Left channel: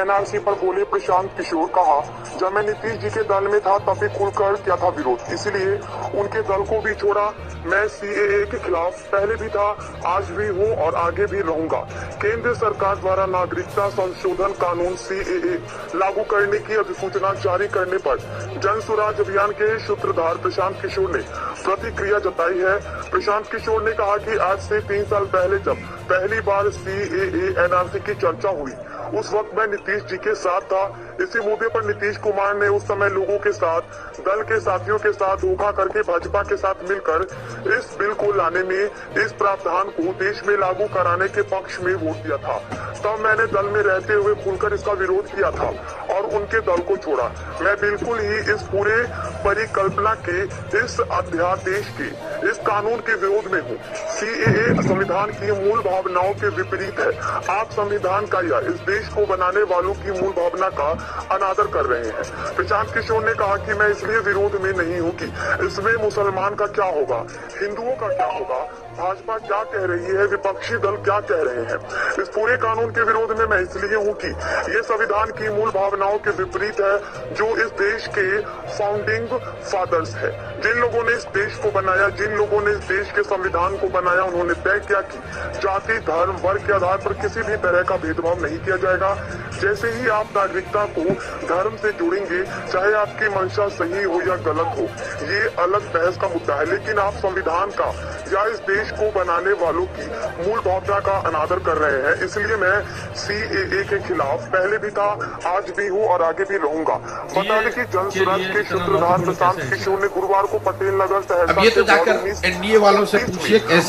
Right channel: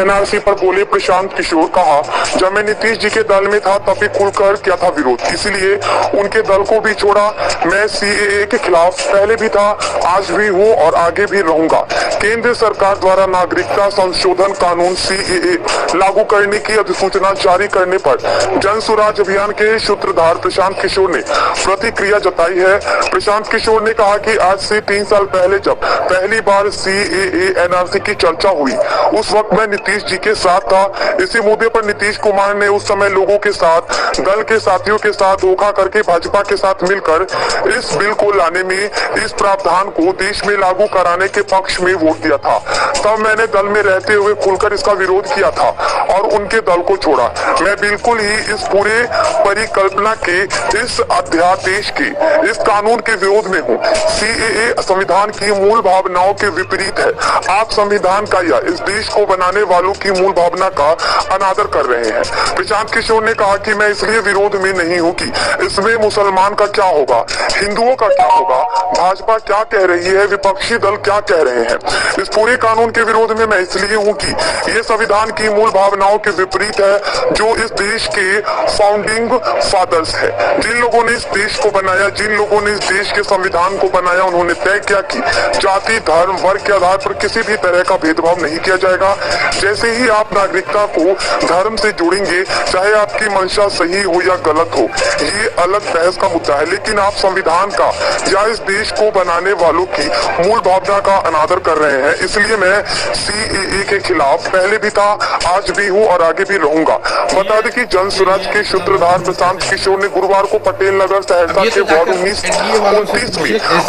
NRC पर बोले प्रशांत किशोर। कहा, जब मैं नीतीश जी के दल में था तब भी खुलकर किया था विरोध, इसलिए उनके दल को भी छोड़ा। मैं सीएए के खिलाफ पहले भी था, आज भी हूँ और आगे भी रहूंगा। केंद्र सरकार द्वारा नागरिकता संशोधन कानून सीएए लागू करने की अधिसूचना जारी करने पर जन स्वराज अभियान के सूत्रधार प्रशांत किशोर ने प्रतिक्रिया जताई है। प्रशांत किशोर ने कहा कि आज से 3 साल पहले जब पहली बार सीएए एनआरसी की चर्चा हुई, उस वक्त मैं नीतीश जी के साथ था। इसी मुद्दे पर नीतीश कुमार ने उस समय लोगों के साथ, दल के साथियों के साथ धोखा करके भाजपा के साथ मिलकर इस बिल को लाने में, इस प्रावधान को देश में लागू कराने के पक्ष में वोट दिया था। तब मैंने दल में रहते हुए खुलकर इसका विरोध किया था और उनके दल को छोड़ा। मैं बिल्कुल ही इस पूरे परिकल्पना के, इस अध्यादेश के, इस कानून के विरोध में हूँ। सीएए संविधान की मूल भावनाओं के विपरीत है। आप संविधान का या इस देश को बनाने वालों की मूल भावना का अनादर कर रहे हैं। प्रशांत किशोर ने कहा कि मैं इसलिए विरोध में नहीं हूँ कि इसमें मुसलमान का क्या होगा, हिंदुओं का क्या होगा, भाजपा क्या कह रही है, विपक्षी दल क्या कह रहे हैं। इस पूरे कानून के विरोध में मैं इसलिए हूँ कि ये संविधान की मूल भावनाओं के विपरीत है, जो इस देश के फाउंडिंग फादर्स है। जिन लोगों ने इस देश को बनाया, जिन लोगों ने इस देश के संविधान को बनाया, उन्होंने तय किया कि जाति, धर्म, वर्ग के आधार पर किसी भी तरह का भेदभाव नहीं किया जाएगा। जैसे ही आप नागरिकता को धर्म से जोड़ेंगे, चाहे आपकी मंशा सही हो या गलत हो, ये अलग बहस का मुद्दा है, लेकिन आप संविधान का या इस देश को बनाने वालों की मूल भावना का अनादर कर रहे हैं। इसलिए मैं सीएए के खिलाफ पहले भी था, आज भी हूँ और आगे भी रहूंगा। बता दें कि जन स्वराज के सूत्रधार प्रशांत किशोर ने गुरुवार को पटेल नगर सहरसा के एनडीए वालों से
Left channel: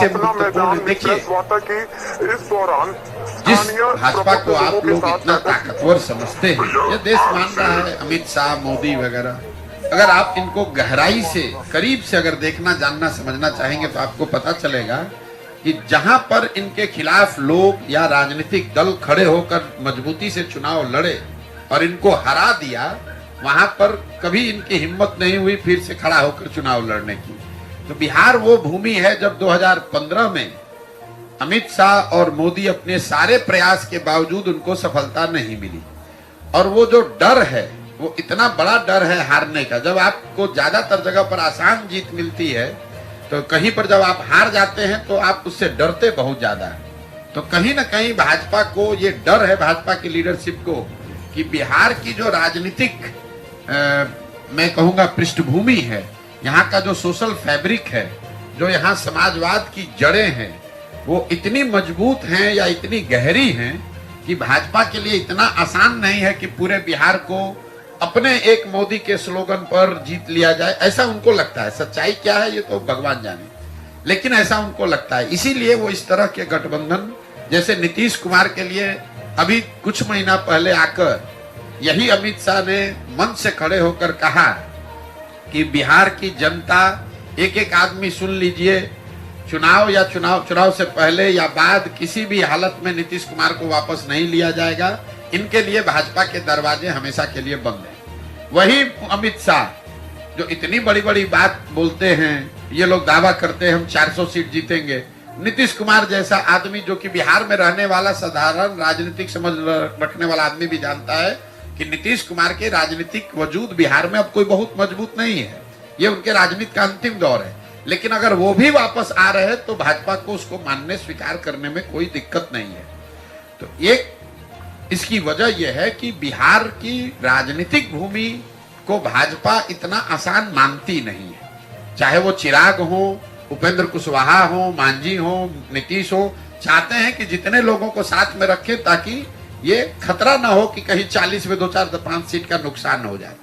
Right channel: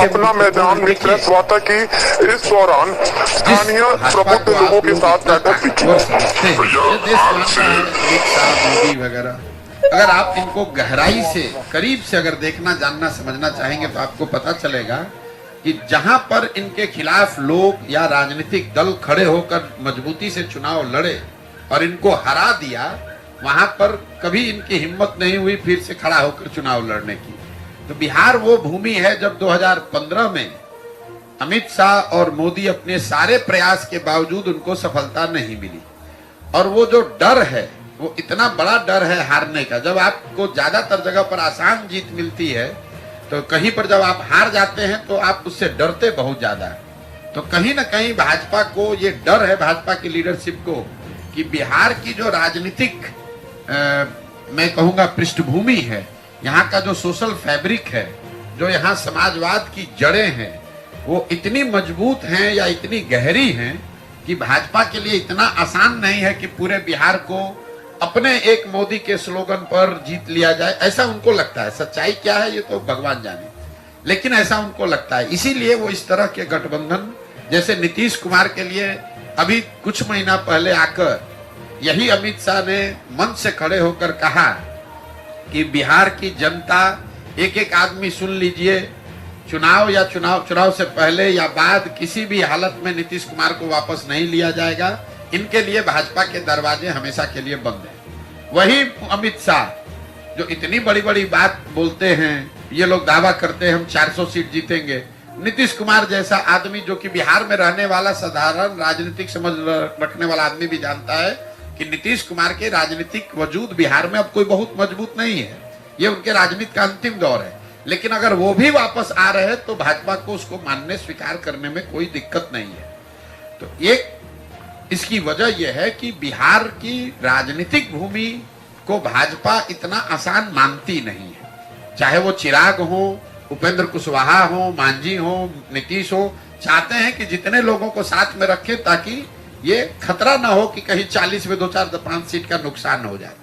अपना मैदान में प्रेस वार्ता की। इस दौरान स्थानीय भाजपा को आप लोग इतना ताकतवर समझते हैं, ये देश मान रहा है, अमित शाह, मोदी वगैरह। अगर आप इनको गहराई से, करीब से अगर देखना, जानना, समझना चाहेंगे तो आपको पता चलेगा कि जहां पर इनके खिलाफ लोग या राजनीतिक दल खड़े होकर मजबूती से चुनाव लड़े और इनको हरा दिया, वहां पर कभी इनकी हिम्मत नहीं हुई फिर से खड़ा होकर चुनाव लड़ने की। तो बिहार वो भूमि है जब 2015 में अमित शाह और मोदी अपने सारे प्रयास के बावजूद उनको सफलता नहीं मिली। और वो जो डर है, वो इतना बड़ा डर है हारने का। जब आपको ज्यादातर जगह पर आसान जीत मिलती है, तो कहीं पर जब आप हार जाते हैं तो आप उससे डरते बहुत ज्यादा है। तो कहीं ना कहीं भाजपा को ये डर है, भाजपा की लीडरशिप को, कि बिहार की जो राजनीतिक मैं कहूंगा पृष्ठभूमि है, यहाँ का जो सोशल फैब्रिक है, जो यहाँ समाजवाद की जड़ें हैं, वो इतनी मजबूत हैं या इतनी गहरी हैं कि भाजपा के लिए इतना आसान नहीं है कि पूरे बिहार को अपने एक मोदी के स्लोगन पर जीत लिया जाए। ऐसा उनको लगता है। सच्चाई क्या है ये तो भगवान जाने, लेकिन ऐसा उनको लगता है। इसीलिए वो इस तरह के गठबंधन, जैसे नीतीश कुमार के लिए अभी कुछ महीना पहले आकर यही अमित शाह ने मंच से खड़े होकर कहा कि बिहार की जनता, एक एक आदमी सुन लीजिए, चुनाव से पहले या बाद किसी भी हालत में नीतीश कुमार को वापस नहीं लिया जाएगा। इनके लिए भाजपा के दरवाजे हमेशा के लिए बंद हैं। वही अमित शाह जो इतनी बड़ी बड़ी बात बोलते हैं, ये लोग दावा करते हैं हम 400 सीट जीतेंगे। नीतीश कुमार जैसा आदमी, जो कि बिहार में रहने वाला साधारण राजनीतिक समझ रखने वाला आदमी, भी जानता है कि नीतीश कुमार के राजनीतिक वजूद बिहार में अब कोई बहुत मजबूत नहीं है। ये उनके राजनीति का अंतिम दौर है। लेकिन अगर वो भी वापस आ रहे हैं तो भाजपा को उसको मानने, स्वीकार करने में कोई दिक्कत नहीं है। तो एक इसकी वजह यह है कि बिहार की राजनीतिक भूमि को भाजपा इतना आसान मानती नहीं है। चाहे वो चिराग हो, उपेंद्र कुशवाहा हो, मांझी हो, नीतीश हो, चाहते हैं कि जितने लोगों को साथ में रखें ताकि ये खतरा ना हो कि कहीं 40 में 2, 4, 5 सीट का नुकसान हो जाए।